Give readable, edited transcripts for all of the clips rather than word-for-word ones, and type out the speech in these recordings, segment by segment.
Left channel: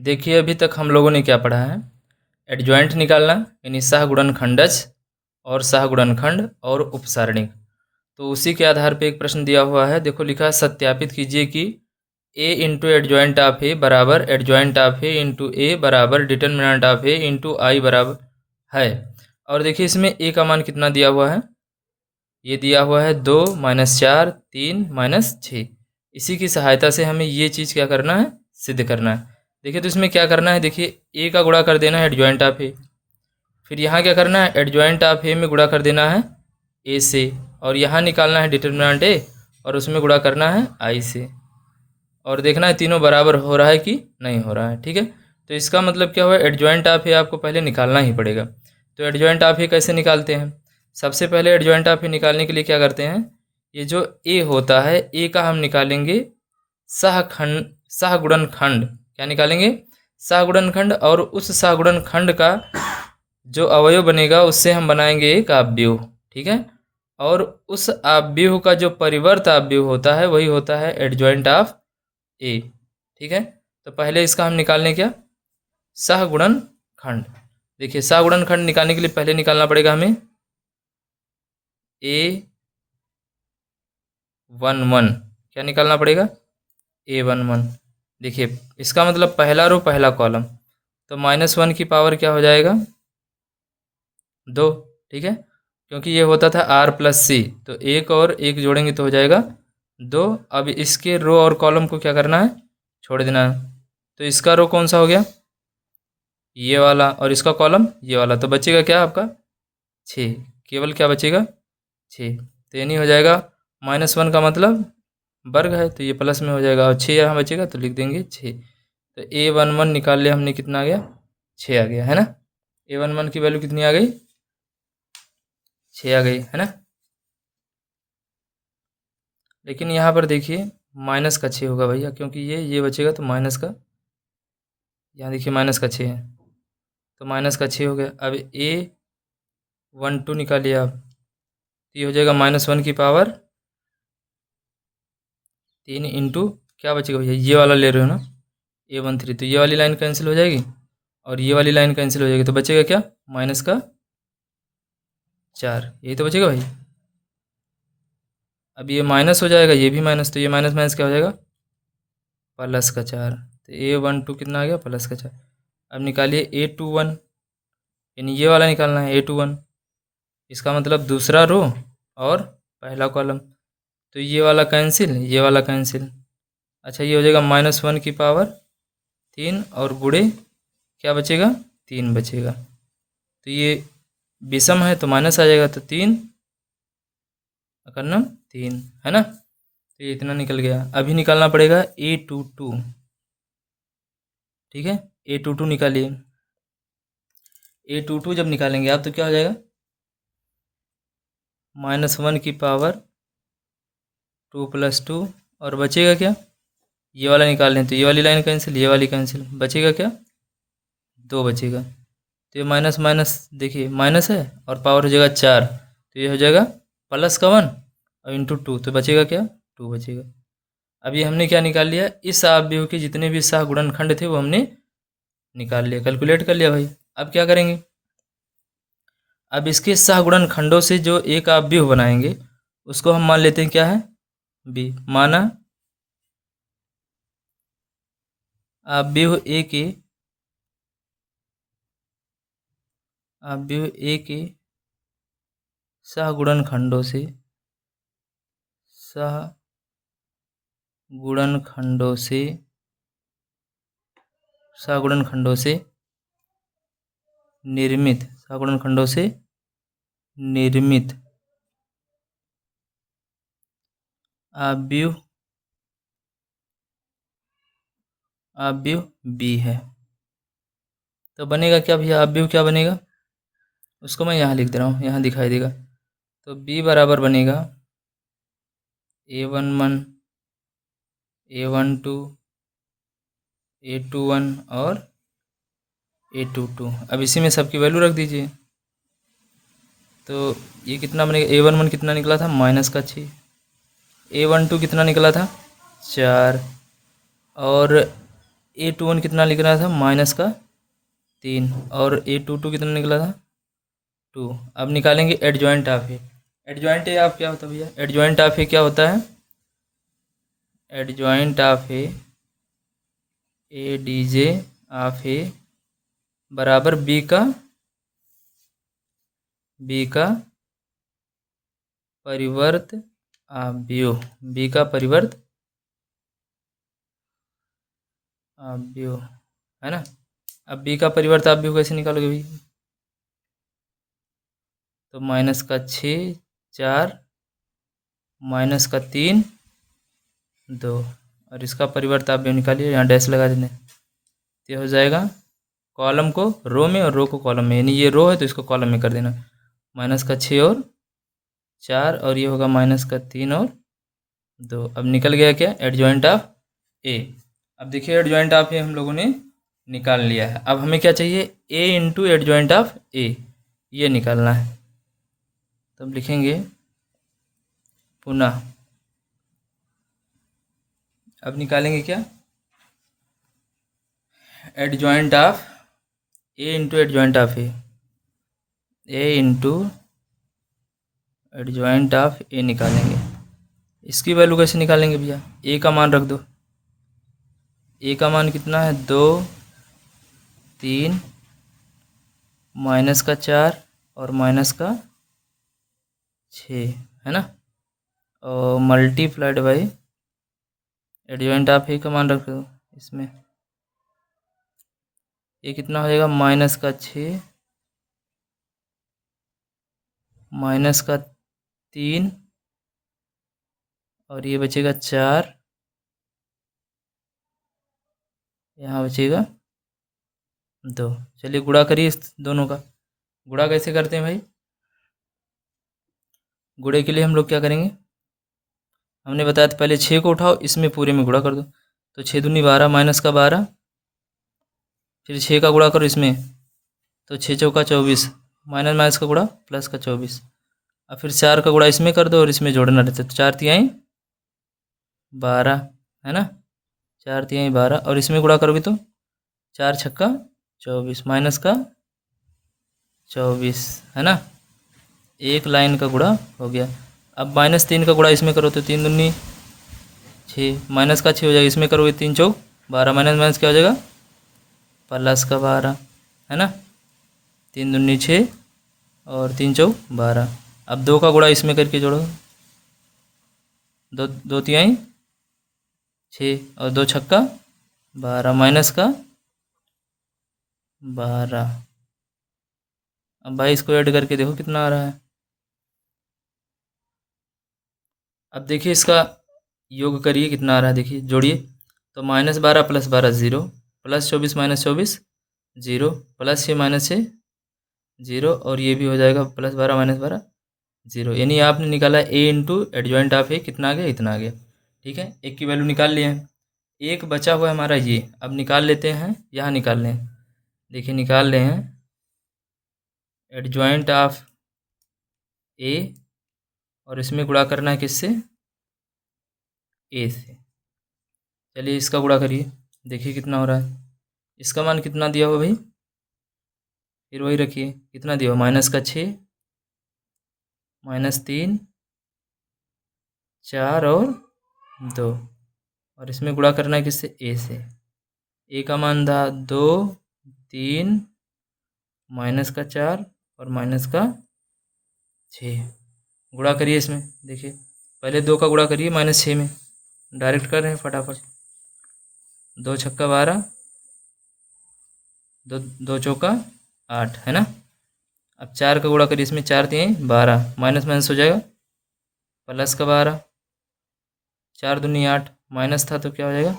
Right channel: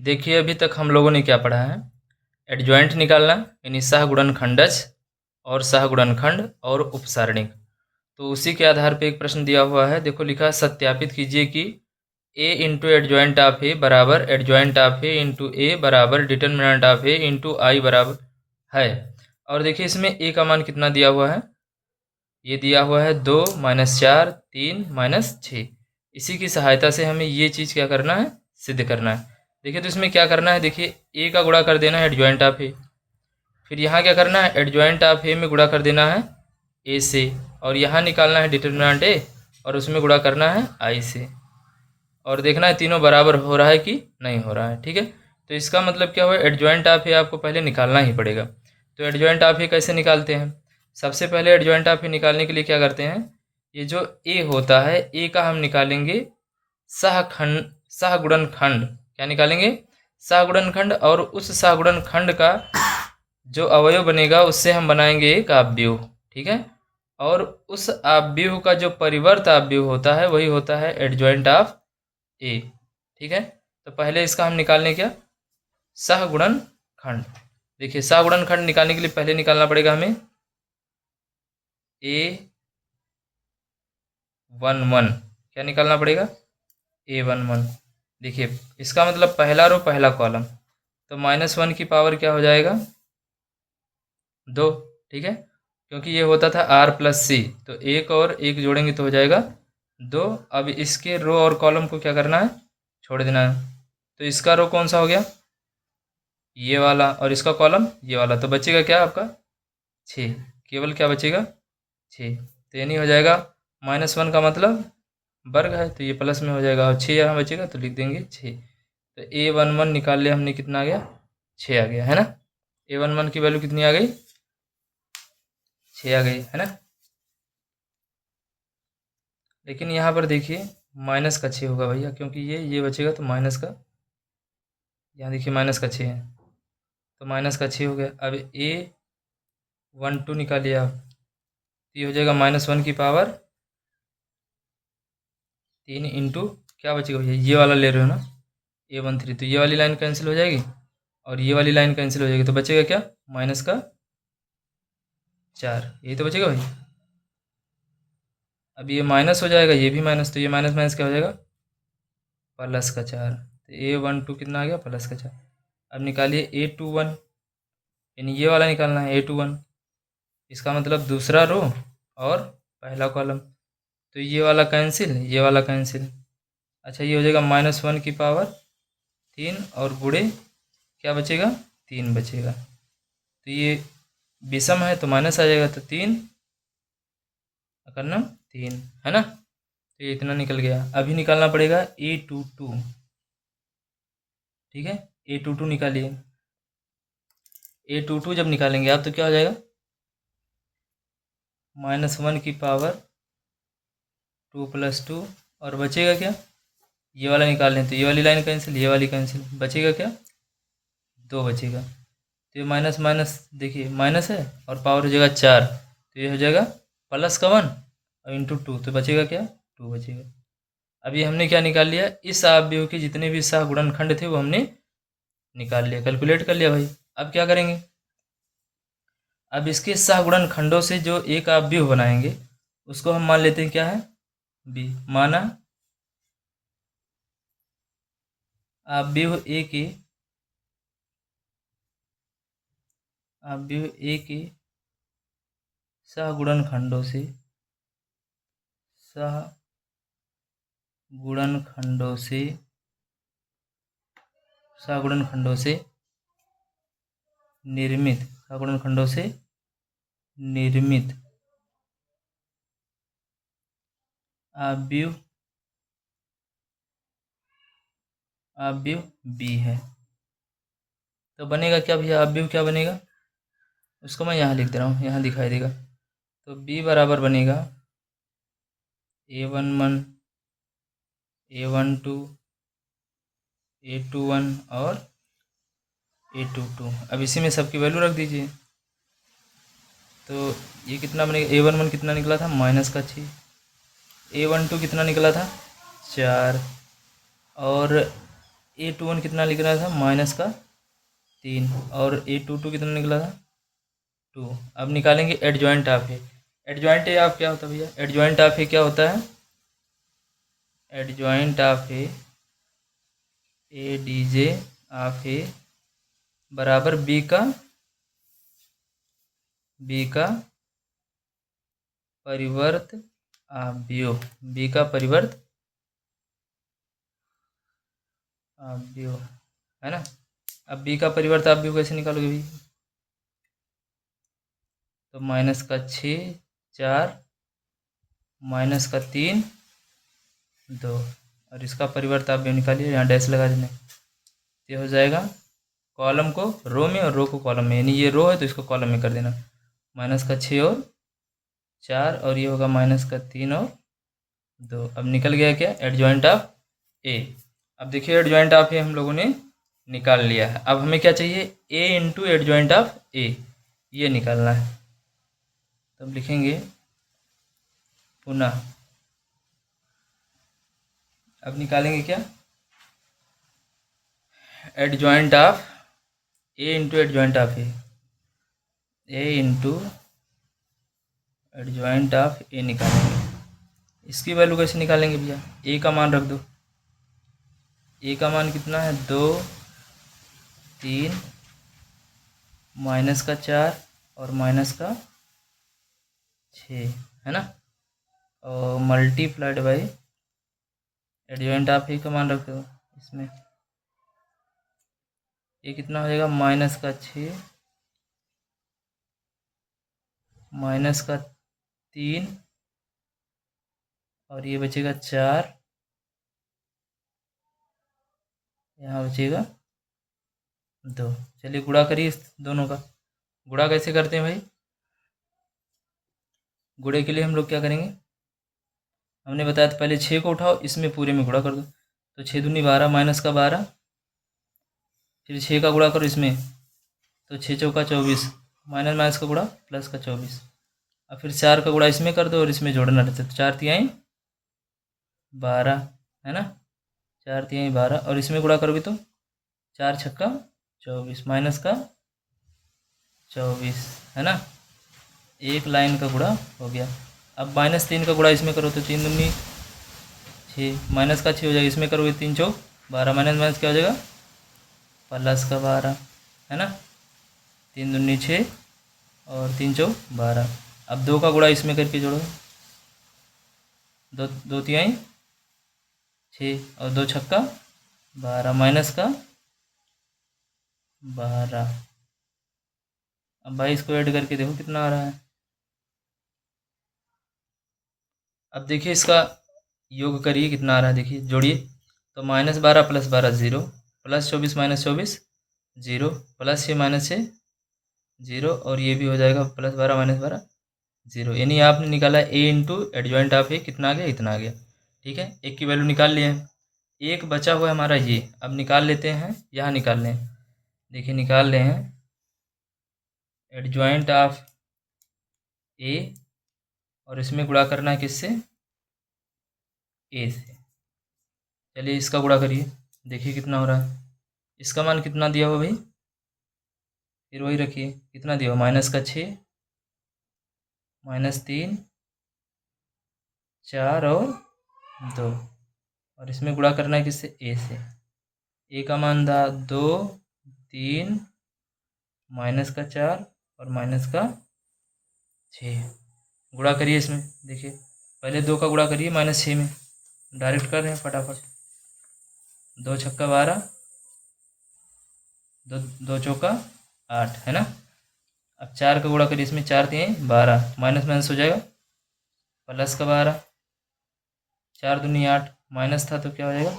देखिए अभी तक हम लोगों ने क्या पढ़ा है। एडजॉइंट निकालना यानी सहगुणनखंडज और सहगुणनखंड और उपसारणिक। तो उसी के आधार पे एक प्रश्न दिया हुआ है। देखो लिखा है सत्यापित कीजिए कि ए इंटू एडजॉइंट ऑफ ए बराबर एडजॉइंट ऑफ ए इंटू ए बराबर डिटर्मिनेंट ऑफ ए इंटू आई बराबर है। और देखिए इसमें ए का मान कितना दिया हुआ है। ये दिया हुआ है 2 -4 3 -6। इसी की सहायता से हमें ये चीज़ क्या करना है, सिद्ध करना है। देखिए तो इसमें क्या करना है, देखिए ए का गुणा कर देना है एडजॉइंट ऑफ ए, फिर यहाँ क्या करना है एडजॉइंट ऑफ ए में गुणा कर देना है ए से, और यहाँ निकालना है डिटर्मिनेंट ए और उसमें गुणा करना है आई से, और देखना है तीनों बराबर हो रहा है कि नहीं हो रहा है। ठीक है, तो इसका मतलब क्या हुआ, एडजॉइंट ऑफ ए आपको पहले निकालना ही पड़ेगा। तो एडजॉइंट ऑफ ए कैसे निकालते हैं, सबसे पहले एडजॉइंट ऑफ ए निकालने के लिए क्या करते हैं, ये जो ए होता है ए का हम निकालेंगे सहगुणनखंड। क्या निकालेंगे, सहगुणनखंड, और उस सहगुणनखंड का जो अवयव बनेगा उससे हम बनाएंगे एक आव्यूह। ठीक है, और उस आव्यूह का जो परिवर्त आव्यूह होता है वही होता है एडजॉइंट ऑफ ए। ठीक है, तो पहले इसका हम निकालने क्या, सहगुणनखंड। देखिए सहगुणनखंड निकालने के लिए पहले निकालना पड़ेगा हमें A11। क्या निकालना पड़ेगा, A11। देखिए इसका मतलब पहला रो पहला कॉलम, तो -1 की पावर क्या हो जाएगा 2। ठीक है, क्योंकि ये होता था R+C, तो एक और एक जोड़ेंगे तो हो जाएगा 2। अब इसके रो और कॉलम को क्या करना है, छोड़ देना है। तो इसका रो कौन सा हो गया, ये वाला, और इसका कॉलम ये वाला, तो बचेगा क्या आपका 6। केवल क्या बचेगा 6, तो यानी हो जाएगा -1 का मतलब वर्ग है तो ये प्लस में हो जाएगा, और 6 यहाँ बचेगा तो लिख देंगे 6। तो A11 निकाल लिया हमने, कितना आ गया 6 आ गया है ना। A11 की वैल्यू कितनी आ गई, 6 आ गई है ना। लेकिन यहाँ पर देखिए -6 होगा भैया, क्योंकि ये बचेगा तो माइनस का, यहाँ देखिए -6 है तो -6 हो गया। अब A12 निकालिए आप, तो ये हो जाएगा -1 की पावर 3 इंटू क्या बचेगा भैया, ये वाला ले रहे हो ना A13, तो ये वाली लाइन कैंसिल हो जाएगी और ये वाली लाइन कैंसिल हो जाएगी, तो बचेगा क्या -4, यही तो बचेगा भाई। अब ये माइनस हो जाएगा, ये भी माइनस, तो ये माइनस माइनस क्या हो जाएगा +4। तो A12 कितना आ गया +4। अब निकालिए A21, यानी ये वाला निकालना है A21, इसका मतलब दूसरा रो और पहला कॉलम, तो ये वाला कैंसिल ये वाला कैंसिल। अच्छा ये हो जाएगा -1 की पावर 3 और गुणे क्या बचेगा 3 बचेगा, तो ये विषम है तो माइनस आ जाएगा, तो 3 अकर्णम 3 है ना। तो ये इतना निकल गया। अभी निकालना पड़ेगा A22। ठीक है, A22 निकालिए। A22 जब निकालेंगे आप तो क्या हो जाएगा -1 की पावर 2 + 2, और बचेगा क्या, ये वाला निकाल लें तो ये वाली लाइन कैंसिल ये वाली कैंसिल, बचेगा क्या 2 बचेगा। तो ये माइनस माइनस देखिए माइनस है और पावर हो जाएगा 4, तो ये हो जाएगा +1 और इंटू 2, तो बचेगा क्या 2 बचेगा। अभी हमने क्या निकाल लिया, इस आव्यूह के जितने भी सहगुणनखंड थे वो हमने निकाल लिया, कैलकुलेट कर लिया भाई। अब क्या करेंगे, अब इसके सहगुणनखंडों से जो एक आव्यूह बनाएंगे उसको हम मान लेते हैं क्या है बी। माना आव्यूह ए के सहगुणनखंडों से निर्मित आव्यूह बी है। तो बनेगा क्या भैया, आव्यूह क्या बनेगा, उसको मैं यहाँ लिख दे रहा हूँ, यहाँ दिखाई देगा। तो बी बराबर बनेगा A11 A12 A21 और A22। अब इसी में सबकी वैल्यू रख दीजिए। तो ये कितना बनेगा, A11 कितना निकला था -6, A12 कितना निकला था 4, और A21 कितना निकला था, -3, और A22 कितना निकला था, 2। अब निकालेंगे adjoint of A. Adjoint A of क्या होता है भैया, एडजॉइंट ऑफ ए क्या होता है, adjoint of A D J of A बराबर बी का परिवर्त आव्यूह, बी का परिवर्त आव्यूह, है ना। अब बी का परिवर्त आव्यूह कैसे निकालोगे भाई, तो -6 4 -3 2, और इसका परिवर्त आव्यूह निकालिए, यहाँ डैश लगा देना, ये हो जाएगा कॉलम को रो में और रो को कॉलम में, यानी ये रो है तो इसको कॉलम में कर देना, -6 और 4, और ये होगा -3 और 2। अब निकल गया क्या, एडजॉइंट ऑफ ए। अब देखिए एडजॉइंट ऑफ ए हम लोगों ने निकाल लिया है। अब हमें क्या चाहिए, ए इंटू एडजॉइंट ऑफ ए, ये निकालना है। तो अब लिखेंगे पुनः, अब निकालेंगे क्या, adjoint of A into adjoint of A into adjoint of A निकालेंगे। इसकी वैल्यू कैसे निकालेंगे भैया, ए का मान रख दो, ए का मान कितना है, 2 3 -4 और -6, है ना, और मल्टीप्लाइड बाई एडजॉइंट ऑफ ए का मान रख दो इसमें, ये कितना हो जाएगा, -6 -3 और ये बचेगा 4, यहाँ बचेगा 2। चलिए गुणा करिए इस दोनों का, गुणा कैसे करते हैं भाई, गुणे के लिए हम लोग क्या करेंगे, हमने बताया था पहले 6 को उठाओ, इसमें पूरे में गुणा कर दो, तो 6 दूनी 12 -12, फिर 6 का गुणा करो इसमें, तो 6 चौका 24, माइनस माइनस का गुणा प्लस का 24, अब फिर 4 का गुणा इसमें कर दो और इसमें जोड़ना रहता है, तो 4 तिहाई 12, है ना, 4 तिहाई 12, और इसमें गुणा करोगे तो 4 छक्का 24 माइनस का 24, है ना, एक लाइन का गुणा हो गया। अब -3 का गुणा इसमें करो तो 3 दूनी 6, माइनस का 6 हो जाएगा, इसमें करोगे 3 चौक 12, माइनस माइनस क्या हो जाएगा, प्लस का 12, है ना, 3 दूनी 6 और 3 चौक 12। अब 2 का गुणा इसमें करके जोड़ो, 2 तिहाई 6 और 2 छक्का 12 माइनस का 12। अब भाई इसको ऐड करके देखो कितना आ रहा है। अब देखिए इसका योग करिए कितना आ रहा है, देखिए जोड़िए, तो -12 + 12 0, +24 - 24 0, +6 - 6 0, और ये भी हो जाएगा +12 - 12 0, यानी आपने निकाला ए इंटू एडजॉइंट ऑफ ए कितना आ गया, इतना आ गया। ठीक है, एक की वैल्यू निकाल लिए हैं, एक बचा हुआ है हमारा ये, अब निकाल लेते हैं, यहाँ निकाल लें, देखिए निकाल रहे हैं एडजॉइंट ऑफ ए, और इसमें गुणा करना है किससे, ए से। चलिए इसका गुणा करिए, देखिए कितना हो रहा है, इसका मान कितना दिया हुआ भाई, फिर वही रखिए, कितना दिया हुआ, -6 -3 4 और 2, और इसमें गुणा करना है किससे, ए से। ए का मान था 2 3 -4 और -6, गुणा करिए इसमें, देखिए पहले 2 का गुणा करिए -6 में, डायरेक्ट कर रहे हैं फटाफट, 2 छक्का 12, 2 चौका 8, है ना। अब 4 का गुणा करिए इसमें, 4 तिहाई 12, माइनस माइनस हो जाएगा प्लस का 12, 4 दूनी 8, माइनस था तो क्या हो जाएगा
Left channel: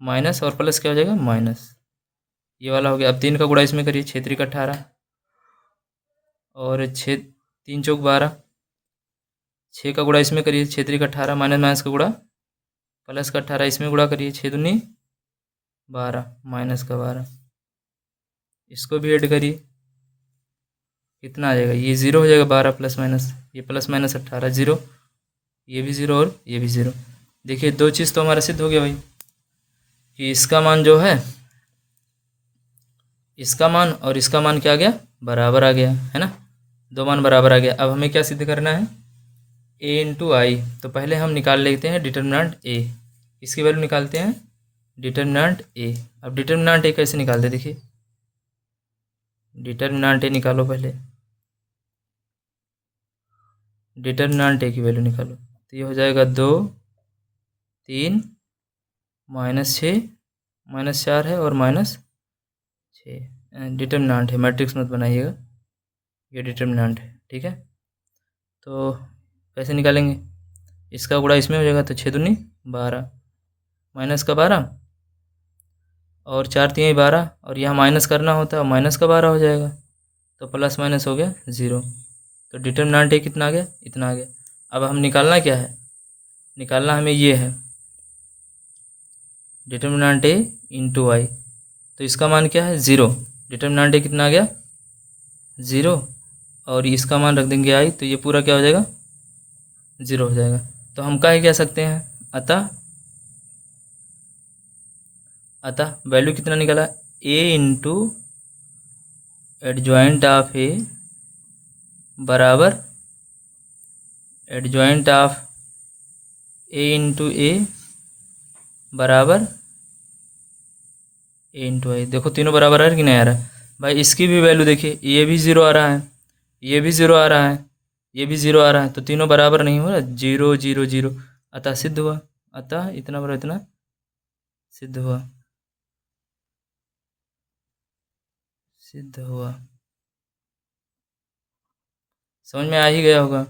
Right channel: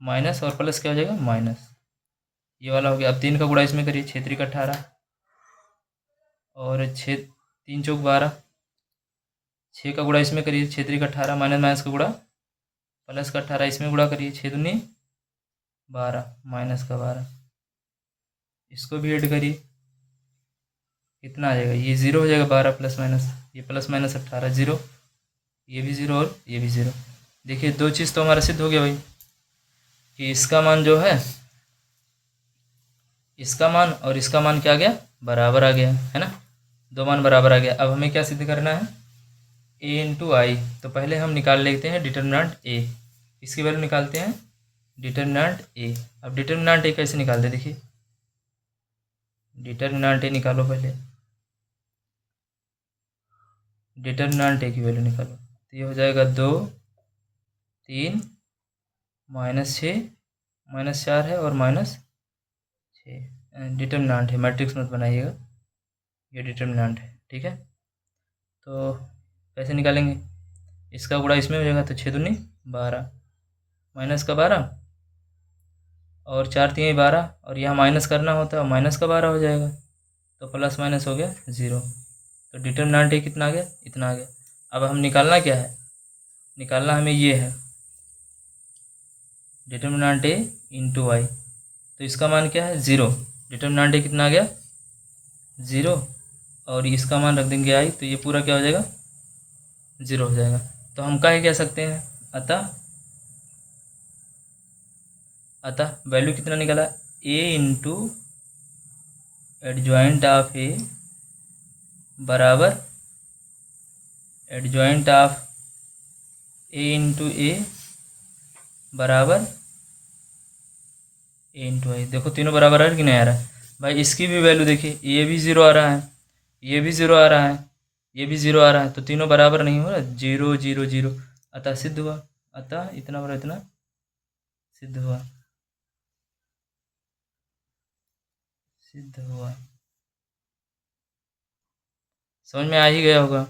माइनस, और प्लस क्या हो जाएगा माइनस, ये वाला हो गया। अब 3 का गुणा इसमें करिए, 6 3 18 और 6 3 चौक 12, 6 का गुणा इसमें करिए, 6 3 18 माइनस माइनस का गुणा प्लस का 18, इसमें गुणा करिए, 6 दूनी 12 माइनस का 12, इसको भी ऐड करिए, कितना आ जाएगा, ये 0 हो जाएगा, 12 प्लस माइनस, ये प्लस माइनस 18 0, ये भी 0 और ये भी 0। देखिए 2 चीज़ तो हमारा सिद्ध हो गया भाई। कि इसका मान जो है, इसका मान और इसका मान क्या आ गया, बराबर आ गया, है ना। दो मान बराबर आ गया। अब हमें क्या सिद्ध करना है, ए इंटू आई। तो पहले हम निकाल लेते हैं डिटर्मिनेंट ए। इसकी वैल्यू निकालते हैं, डिटर्मिनेंट ए। अब डिटर्मिनेंट ए कैसे निकालते हैं, देखिए, डिटर्मिनेंट ए निकालो पहले, डिटर्मिनेंट ए की वैल्यू निकालो। तो ये हो जाएगा 2, 3, -6, -4 है और -6। डिटर्मिनेंट है, मैट्रिक्स मत बनाइएगा, ये डिटर्मिनेंट है, ठीक है। तो कैसे निकालेंगे, इसका गुणा इसमें हो जाएगा, तो 6 दूनी 12, माइनस का 12 और 4 तिहाई 12, और यहाँ माइनस करना होता है, माइनस का 12 हो जाएगा, तो प्लस माइनस हो गया 0। तो डिटर्मिनेंट ए कितना आ गया, इतना आ गया। अब हम निकालना क्या है, निकालना हमें ये है, डिटर्मिनेंट ए इंटू आई। तो इसका मान क्या है, 0। डिटर्मिनेंट ए कितना आ गया, 0, और इसका मान रख देंगे आई, तो ये पूरा क्या हो जाएगा, 0 हो जाएगा। तो हम क्या कह सकते हैं, अतः वैल्यू कितना निकला, ए इंटू एडजॉइंट ऑफ ए बराबर एडजॉइंट ऑफ ए इंटू ए बराबर ए इंटू आई। देखो तीनों बराबर आ रहा है कि नहीं आ रहा है भाई। इसकी भी वैल्यू देखिए, ये भी 0 आ रहा है, ये भी 0 आ रहा है, ये भी 0 आ रहा है, तो तीनों बराबर नहीं हो रहा, 0 0 0। अतः सिद्ध हुआ, अतः इतना बड़ा इतना सिद्ध हुआ, सिद्ध हुआ। समझ में आ ही गया होगा।